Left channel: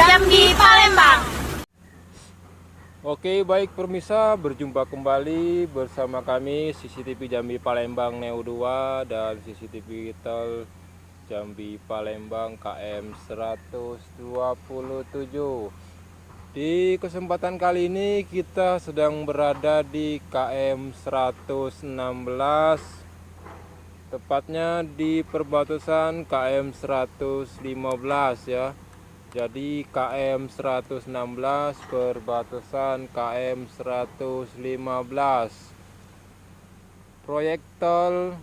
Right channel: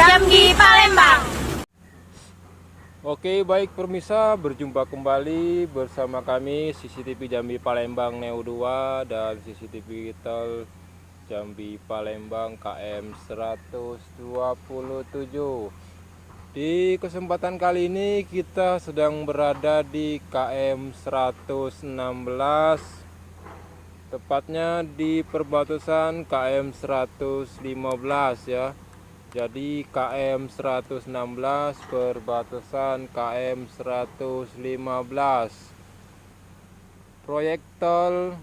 Jambi, Palembang. Oke, baik pemirsa, berjumpa kembali bersama kami CCTV Jambi Palembang Neo 2 dan CCTV Tol Jambi Palembang KM 127. Di kesempatan kali ini kita sedang berada di KM 116, tepatnya di perbatasan KM 115 ya. Jadi KM 116 perbatasan KM 115. Proyek tol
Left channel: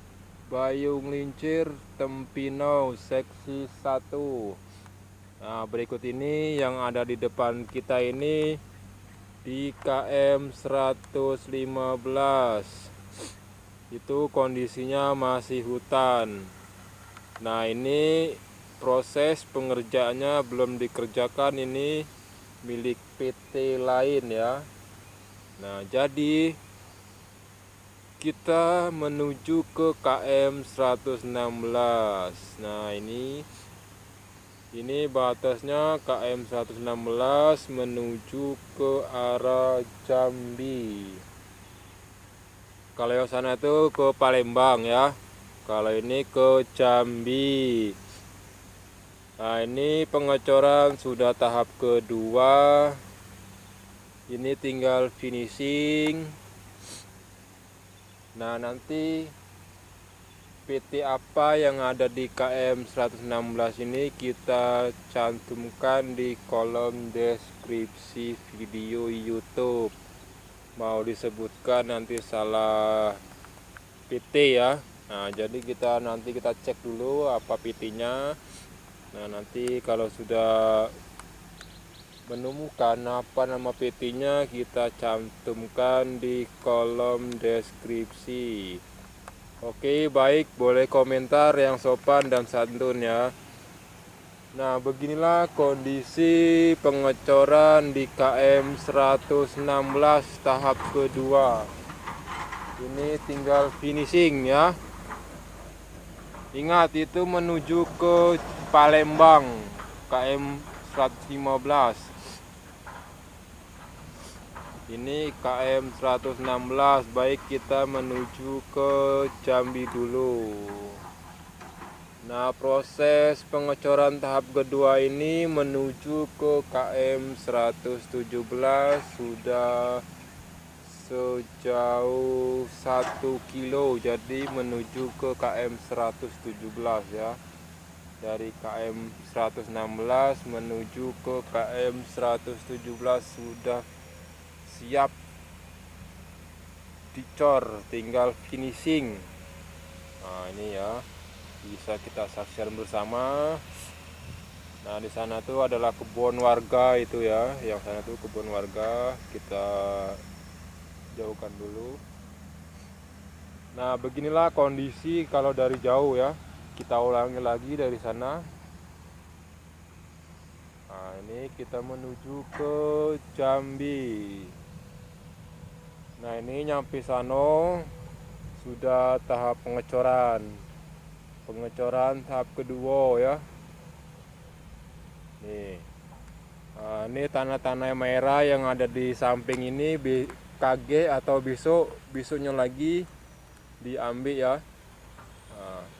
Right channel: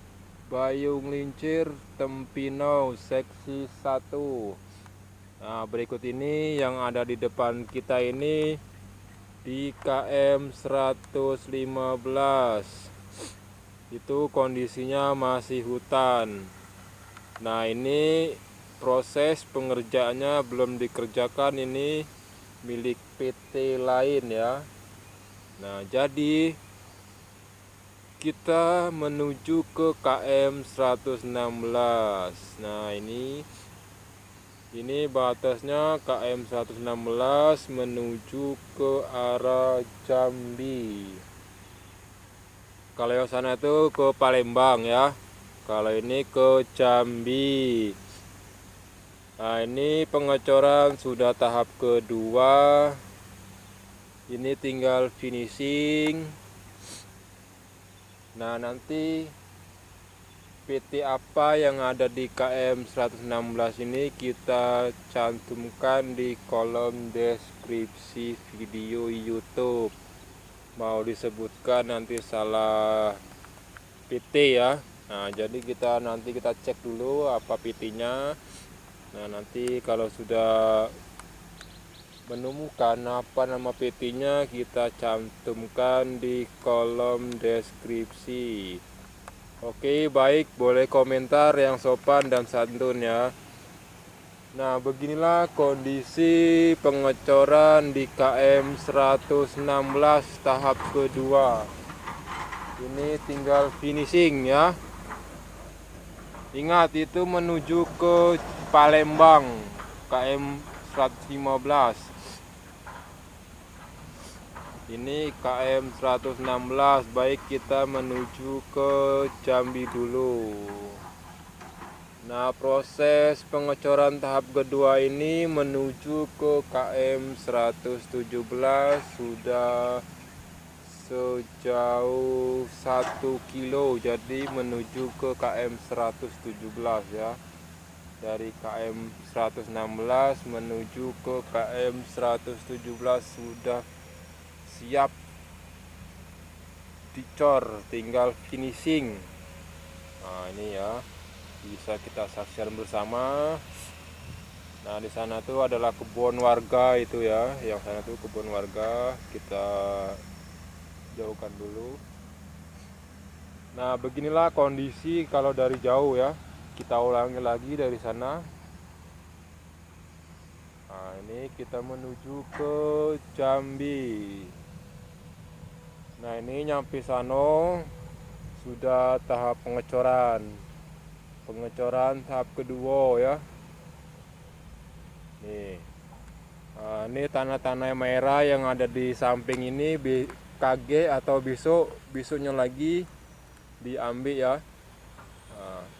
Bayung Lincir Tempino seksi 1. Nah, berikut ini yang ada di depan kita ini di KM 115. Itu kondisinya masih hutan. Nah, ini proses pengerjaannya belum dikerjakan, ini milik PT lain ya. Nah, jadi kita menuju ke KM 116. Nah, ini batasnya KM 116 menuju ke arah Jambi. Kalau yang sana itu ke Palembang ya. Kalau ini ke Jambi. Nah, ini pengecoran sudah tahap kedua. Ini tinggal finishing. Nah, nanti PT apa yang ada di KM 116 ini kita cantumkan di kolom deskripsi video YouTube. Mau disebutkan nanti salah PT ya. Nah, jadi nanti kita cek dulu apa PT-nya. Nah, nanti kalau sudah menemukan apa nama PT-nya kita cantumkan di kolom deskripsi. Oke, baik, boleh komentar yang sopan dan santun ya. Nah, beginilah kondisi pengecoran di KM 116 tahap kedua. Ini tinggal finishing ya. Ingat, itu menuju ke Palembang KM 115. Ini KM 116, baik kita menuju ke Jambi dulu. Nah, proses pengecoran tahap kedua ini menuju ke KM 117 sudah sejauh 1 kilo, jadi menuju ke KM 117 ya. Dari KM 116 menuju ke KM 117 sudah siap dicor, tinggal finishing. Nah, ini ya, bisa kita saksikan bersama. Nah, di sana tuh adalah kebun warga itu ya, yang sana tuh kebun warga, kita jauhkan dulu. Nah, beginilah kondisi kalau dari jauh ya. Kita ulangi lagi dari sana. Nah, ini kita menuju ke Jambi. Nah, ini nyampe sana sudah tahap pengecoran. Pengecoran tahap kedua ya. Nih. Nah, ini tanah-tanah merah yang ada di samping ini KG atau besoknya lagi diambil ya. Nah,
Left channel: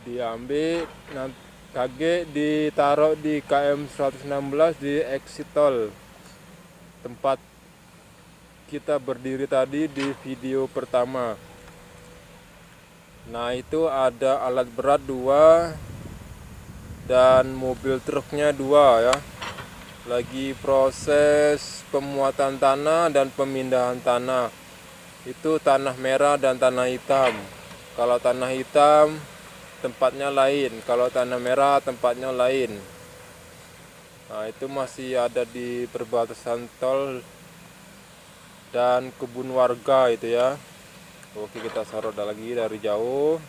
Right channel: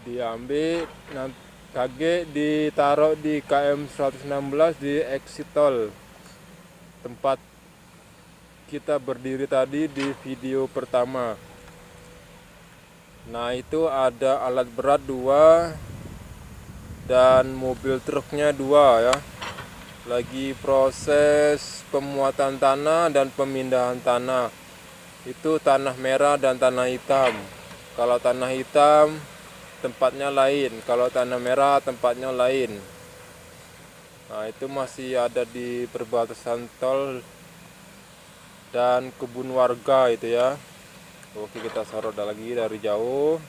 diambil nanti KG ditaruh di KM 116 di exit tol tempat kita berdiri tadi di video pertama. Nah, itu ada alat berat 2 dan mobil truknya 2 ya. Lagi proses pemuatan tanah dan pemindahan tanah. Itu tanah merah dan tanah hitam. Kalau tanah hitam tempatnya lain, kalau tanah merah tempatnya lain. Nah, itu masih ada di perbatasan tol dan kebun warga itu ya. Oke, kita sorot lagi dari jauh.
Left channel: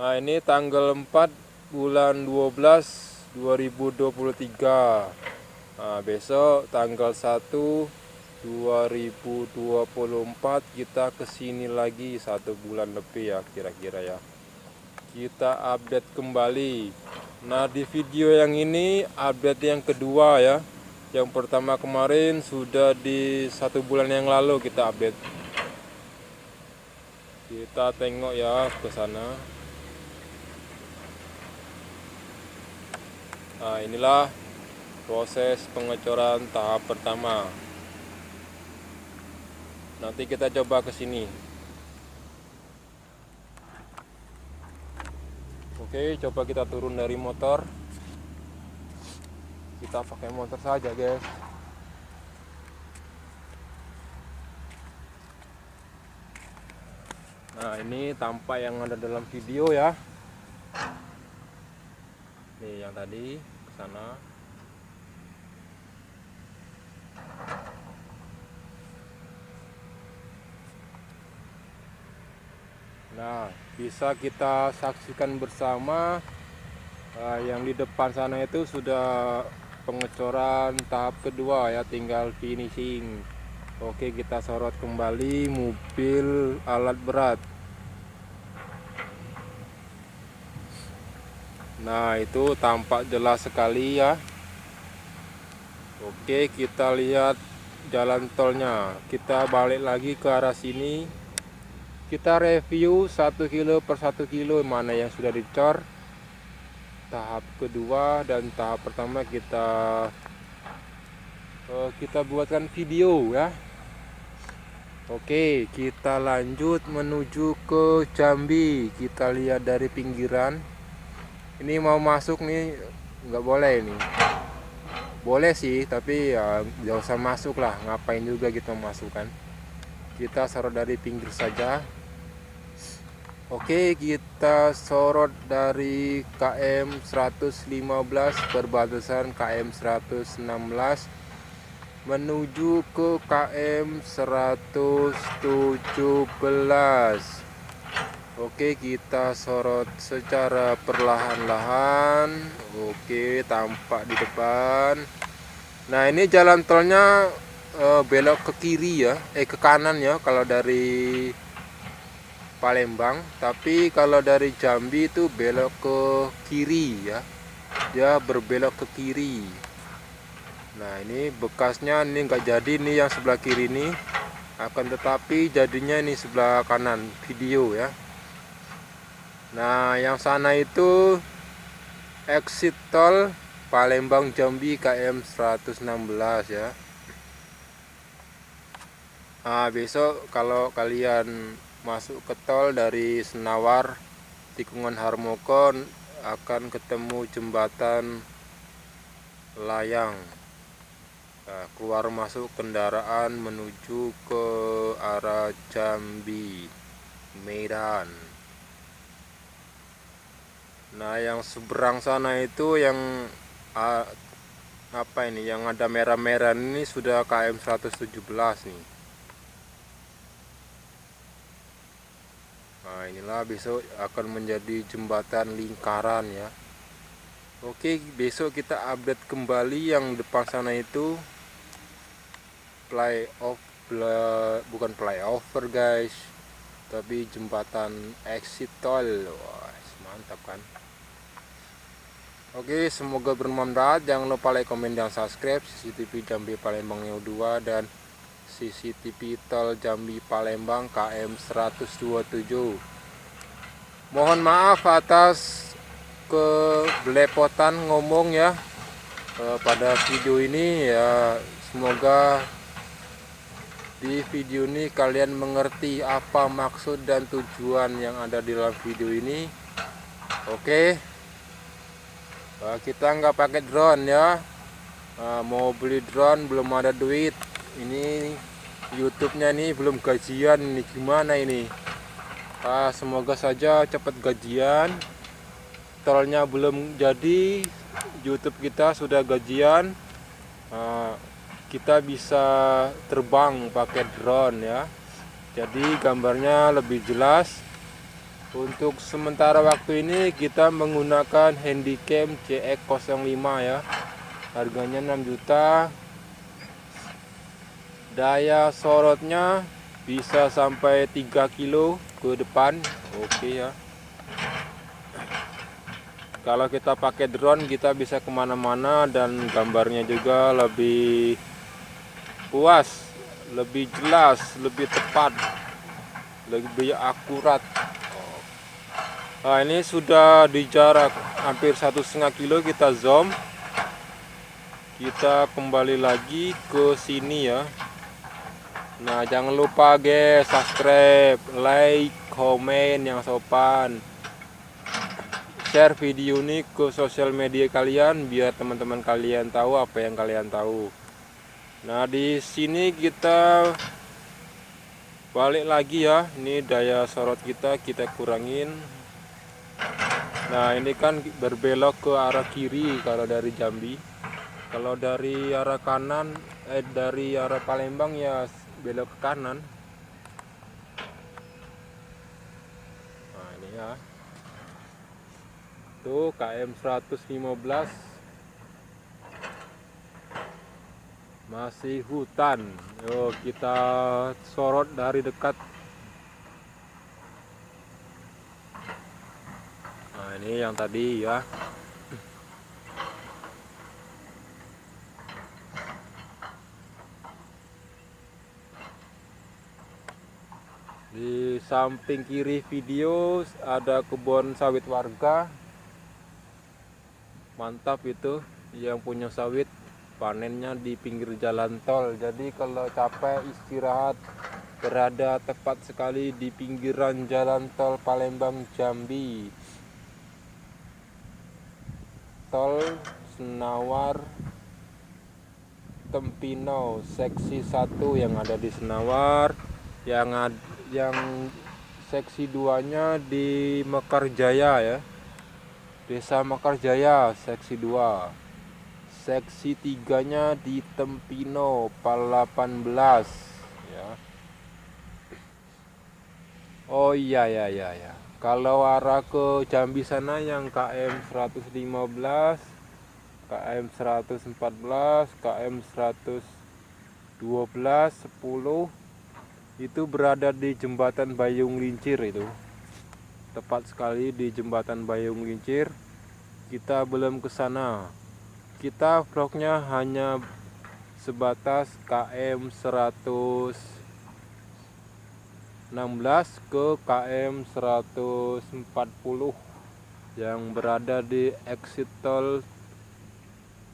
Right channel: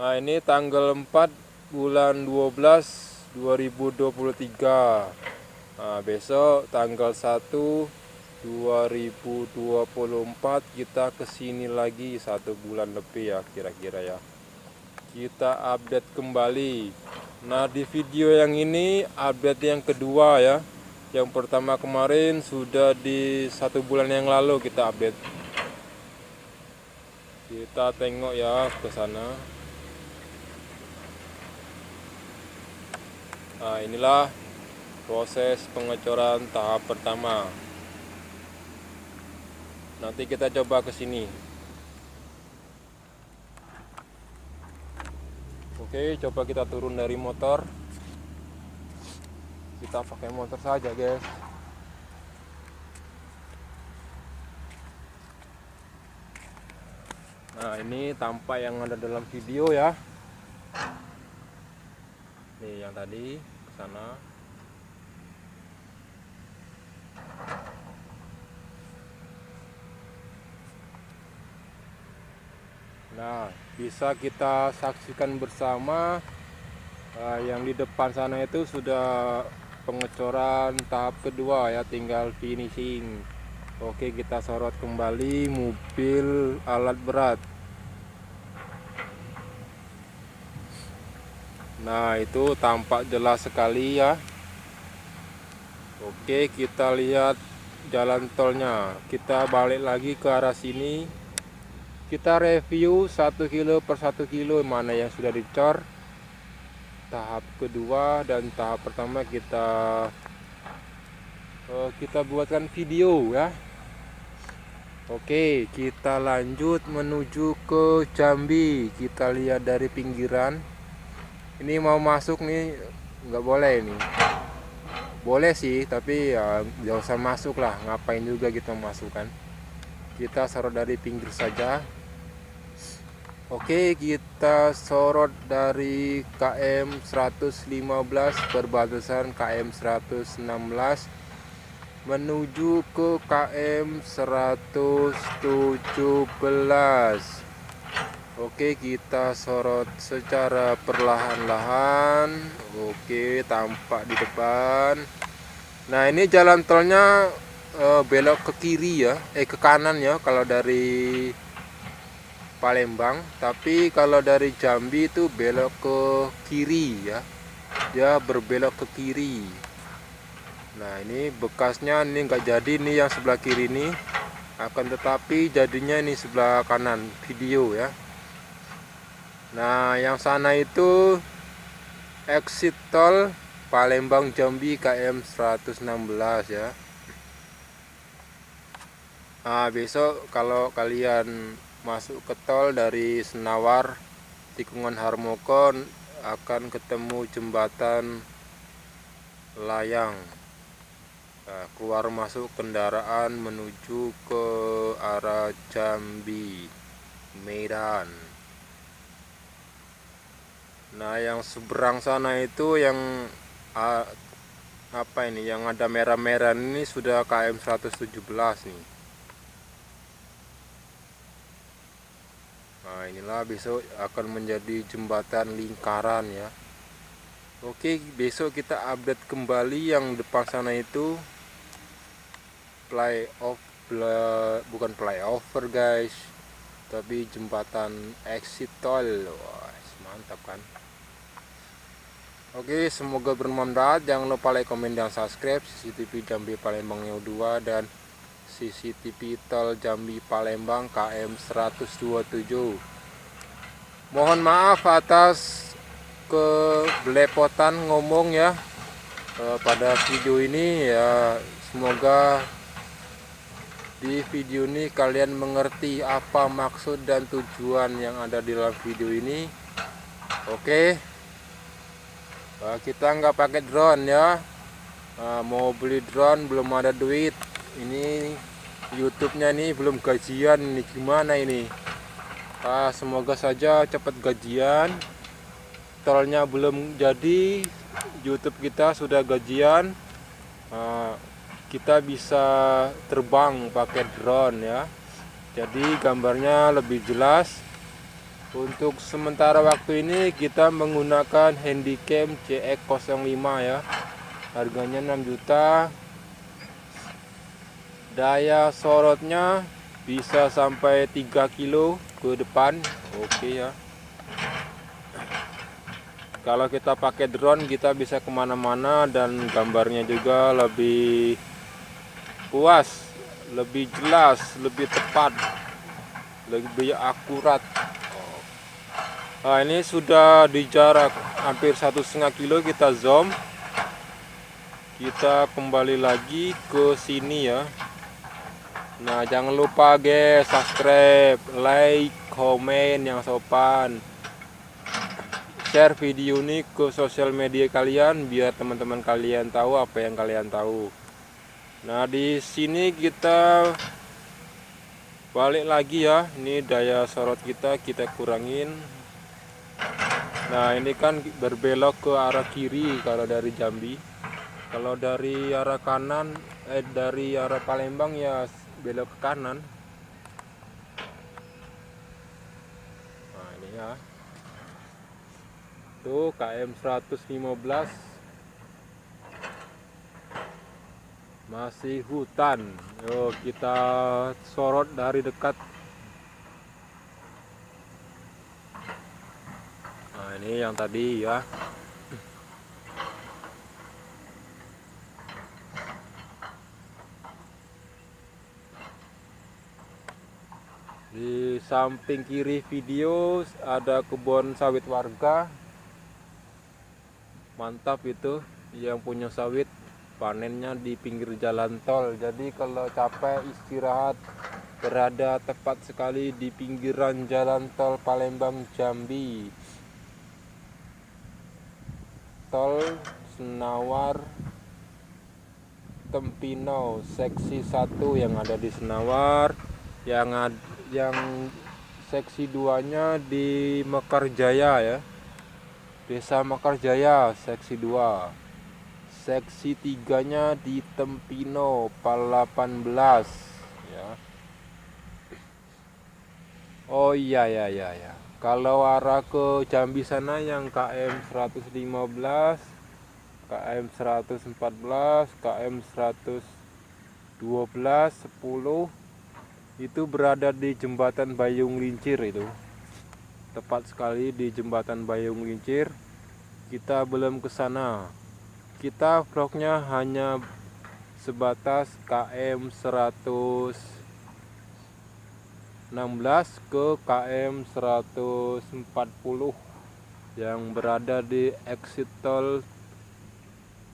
Nah, ini tanggal 4 bulan 12 2023. Nah, besok tanggal 1 2024 kita kesini lagi 1 bulan lebih ya kira-kira ya. Kita update kembali Nah, di video yang ini update yang kedua ya. Yang pertama kemarin sudah di 1 bulan yang lalu kita update. Kita tengok ya ke sana. Nah, inilah proses pengecoran tahap pertama. Nanti kita coba ke sini. Oke, coba kita turun dari motor. Kita pakai motor saja, guys. Nah, ini tampak yang ada dalam video ya. Nih yang tadi ke sana. Nah, bisa kita saksikan bersama yang di depan sana itu sudah pengecoran tahap kedua ya, tinggal finishing. Oke, kita sorot kembali mobil alat berat. Nah, itu tampak jelas sekali ya. Oke, kita lihat jalan tolnya. Kita balik lagi ke arah sini. Kita review 1 kilo per 1 kilo mana yang sudah dicor. Tahap kedua dan tahap pertama kita buatkan video ya. Oke, kita lanjut menuju ke Jambi. Kita lihat dari pinggiran. Ini mau masuk nih, nggak boleh nih. Boleh sih, tapi ya nggak usah masuk lah. Ngapain juga kita masukkan. Kita sorot dari pinggir saja. Oke, kita sorot dari KM 115 perbatasan KM 116 menuju ke KM 117. Oke, kita sorot secara perlahan-lahan. Oke, tampak di depan. Nah, ini jalan tolnya belok ke kiri ya, ke kanan ya kalau dari Palembang, tapi kalau dari Jambi itu belok ke kiri ya, dia berbelok ke kiri. Nah, ini bekasnya ini nggak jadi nih yang sebelah kiri ini, akan tetapi jadinya ini sebelah kanan video ya. Nah, yang sana itu exit tol Palembang Jambi KM 116 ya. Nah, besok kalau kalian masuk ke tol dari Senawar tikungan Harmoko akan ketemu jembatan layang. Nah, keluar masuk kendaraan menuju ke arah Jambi Medan. Nah, yang seberang sana itu yang apa ini yang ada merah-merah ini sudah KM 117 nih. Nah, inilah besok akan menjadi jembatan lingkaran ya. Oke, besok kita update kembali yang depan sana itu bukan flyover guys, tapi jembatan exit tol. Wah, mantap kan. Oke, semoga bermanfaat. Jangan lupa like, komen, dan subscribe. CCTV Jambi Palembang Neo 2 dan CCTV Tol Jambi Palembang KM 127. Mohon maaf atas kebelepotan ngomong ya pada video ini ya. Semoga di video ini kalian mengerti apa maksud dan tujuan yang ada di dalam video ini. Oke, kita nggak pakai drone ya. Mau beli drone belum ada duit. Ini YouTube-nya nih belum gajian, ini gimana ini? Semoga saja cepat gajian. Tolnya belum jadi, YouTube kita sudah gajian. Kita bisa terbang pakai drone ya. Jadi gambarnya lebih jelas. Untuk sementara waktu ini kita menggunakan Handycam CX05 ya. Harganya 6 juta. Daya sorotnya bisa sampai 3 kilo ke depan. Oke ya. Kalau kita pakai drone kita bisa kemana-mana dan gambarnya juga lebih puas, lebih jelas, lebih tepat, lebih akurat. Nah, ini sudah di jarak hampir 1,5 kilo kita zoom. Kita kembali lagi ke sini ya. Nah, jangan lupa guys, subscribe, like, komen yang sopan. Share video ini ke sosial media kalian biar teman-teman kalian tahu apa yang kalian tahu. Nah, di sini kita balik lagi ya. Ini daya sorot kita kurangin. Nah, ini kan berbelok ke arah kiri kalau dari Jambi. Kalau dari arah kanan, dari arah Palembang ya belok ke kanan. Nah, ini ya. Tuh KM 115. Masih hutan. Yuk kita sorot dari dekat. Nah, ini yang tadi ya. Di samping kiri video ada kebun sawit warga. Mantap itu, yang punya sawit panennya di pinggir jalan tol. Jadi kalau capek istirahat berada tepat sekali di pinggiran jalan tol Palembang Jambi. Tol Senawar Tempino seksi 1 yang ada di Senawar, yang seksi 2-nya di Mekarjaya ya. Desa Mekarjaya seksi 2. Seksi 3-nya di Tempino Pal 18 ya. Oh iya ya. Kalau arah ke Jambi sana yang KM 115, KM 114, KM 112, 10 itu berada di jembatan Bayung Lincir itu. Tepat sekali di jembatan Bayung Lincir. Kita belum ke sana. Kita vlognya hanya sebatas KM 116 ke KM 140 yang berada di exit tol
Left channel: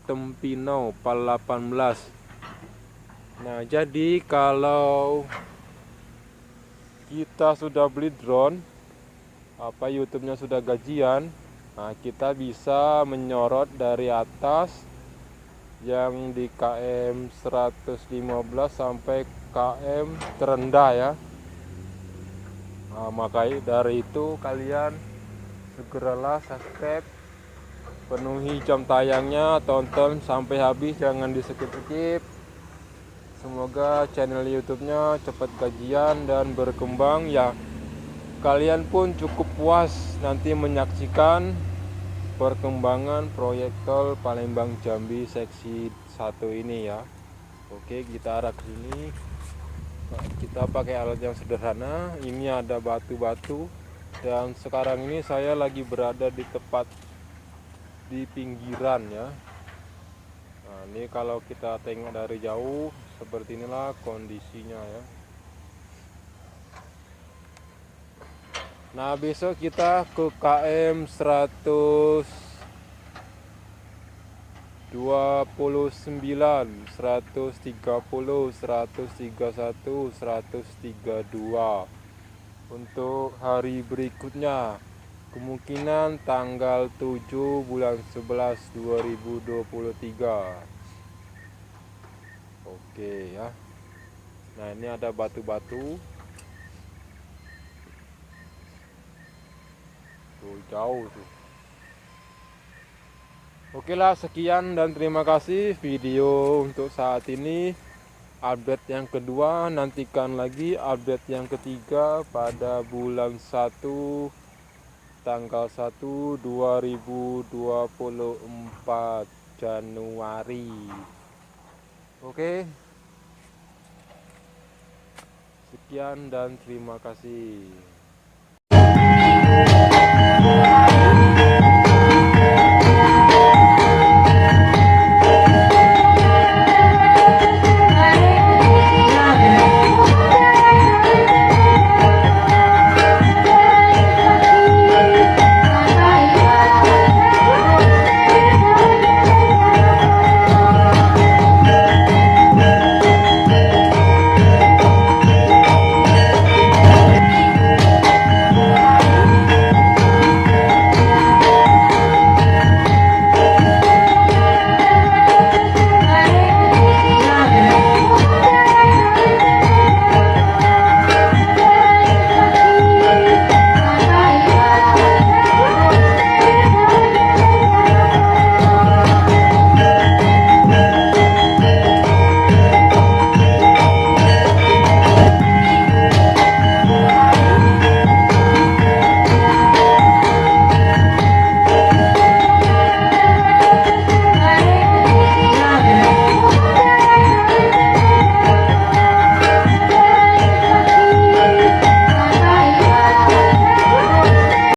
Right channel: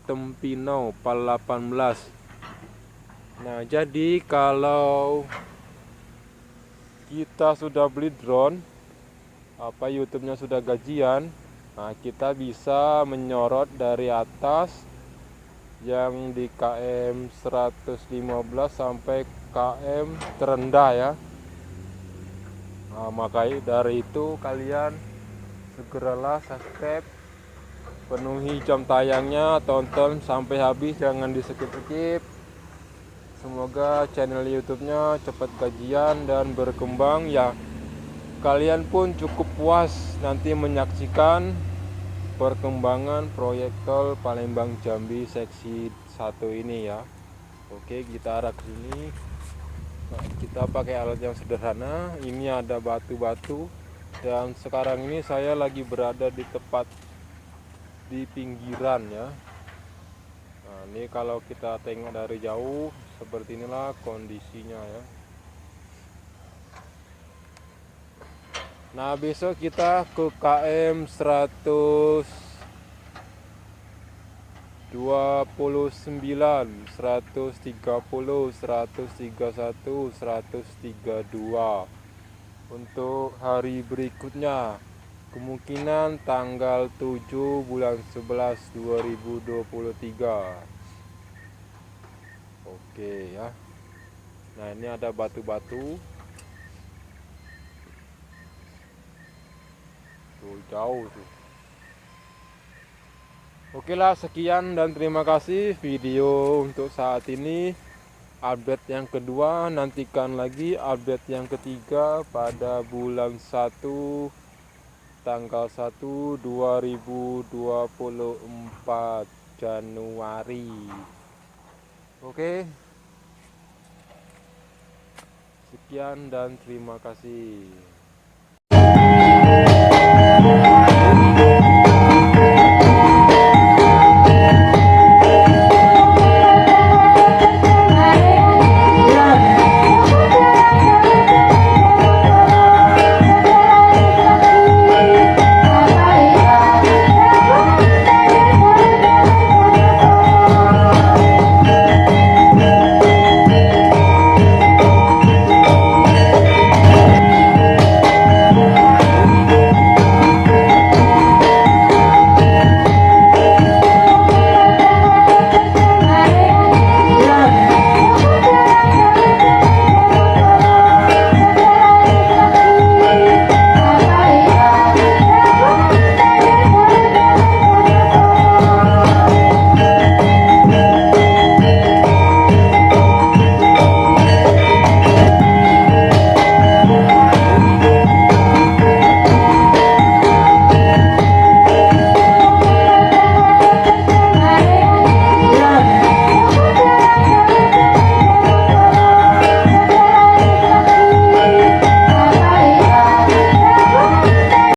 Tempino Pal 18. Nah, jadi kalau kita sudah beli drone, YouTube-nya sudah gajian, nah kita bisa menyorot dari atas yang di KM 115 sampai KM terendah ya. Nah, makanya dari itu kalian segeralah subscribe, penuhi jam tayangnya, tonton sampai habis, jangan di skip-skip. Semoga channel YouTube-nya cepat gajian dan berkembang ya. Kalian pun cukup puas nanti menyaksikan perkembangan proyek tol Palembang Jambi seksi 1 ini ya. Oke, kita arah ke sini. Nah, kita pakai alat yang sederhana. Ini ada batu-batu dan sekarang ini saya lagi berada di tepat di pinggiran ya. Nah, ini kalau kita tengok dari jauh seperti inilah kondisinya ya. Nah, besok kita ke KM 129, 130, 131, 132 untuk hari berikutnya. Kemungkinan tanggal 7 bulan 11 2023. Oke ya. Nah, ini ada batu-batu. Tuh, jauh tuh. Oke lah, sekian dan terima kasih video untuk saat ini. Update yang kedua, nantikan lagi update yang ketiga pada bulan 1 tanggal 1 2024 Januari. Oke. Sekian dan terima kasih.